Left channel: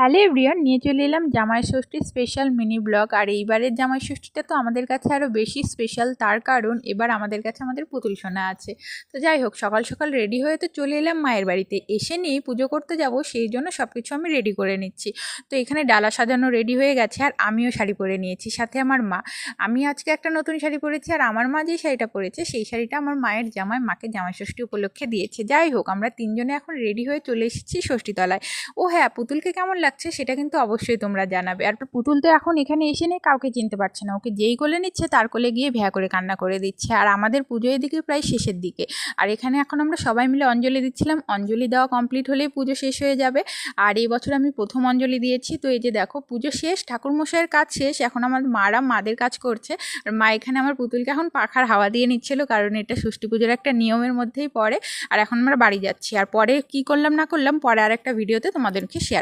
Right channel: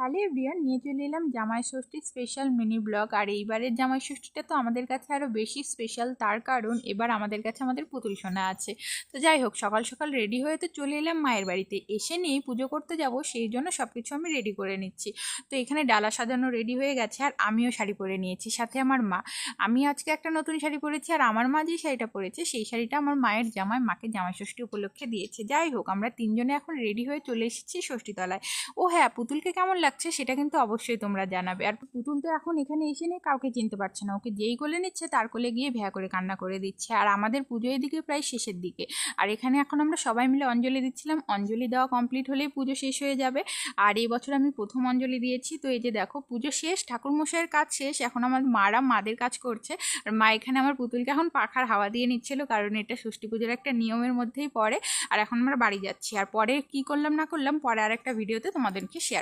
Hello everyone, নিয়ে চলে এলাম জামাই ষষ্ঠীর স্পেশাল মিনি ব্লগ। আর এইবারের জামাই ষষ্ঠীটা তো আমাদের কাছে আরও বেশি স্পেশাল, তার কারণ এবার আমাদের কাছে আমাদের পুতুল সোনা আছে। তো যাই হোক, সকাল সকাল রেডি হয়ে তো চলে এলাম মায়ের বাড়িতে। এসে নিয়েই পুজো করতে যাব, সেই জন্য সব কিছু আমি রেডি করে নিচ্ছি। তো এখানে ডালা সাজানো রেডি হয়ে গেছে, আর আমিও শাড়ি পরে নিয়েছি, সাথে আমার মা। আমি আজকে একটা নতুন শাড়ি পরেছি, আর আমার মা যে শাড়িটা পরেছে সেই শাড়িটা আমার মায়ের জামাই মাকে জামাই ষষ্ঠী উপলক্ষে দিয়েছে। যাই হোক, আমরা তিনজনে এখন রেডি হয়ে চলে এসেছি ষষ্ঠীতলায়। ও হ্যাঁ, পুতুলকে কেমন লাগছে সেটা কিন্তু অবশ্যই তোমরা জানাবে। আর পুতুল তো এখন এখানে এসে নেই, কাউকে চিনতে পারছে না। ওকে যেই কোলে নিচ্ছে তার কোলে গিয়ে ভ্যা করে কান্না করে দিচ্ছে। আর আমাদের পুজো এদিকে প্রায় শেষের দিকে, আর এখানে এখন আমরা সবাই মিলে অঞ্জলি দিচ্ছিলাম। অঞ্জলি দেওয়া কমপ্লিট হলেই পুজো শেষ হয়ে যাবে। আর এই বছর আমি প্রথম অঞ্জলি দিয়েছি। তো এই যে দেখো, পুজো শেষ, ঠাকুরমশাইয়ের কাজ শেষ, এখন আমার মারা মাদের কাজ করছে। আর মা এখানে আমার পুতুলকে এখন পাখার হাওয়া দিয়ে নিচ্ছিল, কারণ এটা ষষ্ঠী পুজোর একটা নিয়মের মধ্যেই পড়ে। আর এখন আমরা বাড়ি যাচ্ছি, আর পরে কি করলাম না করলাম পরে আর একটা ভিডিওতে তোমাদেরকে শেয়ার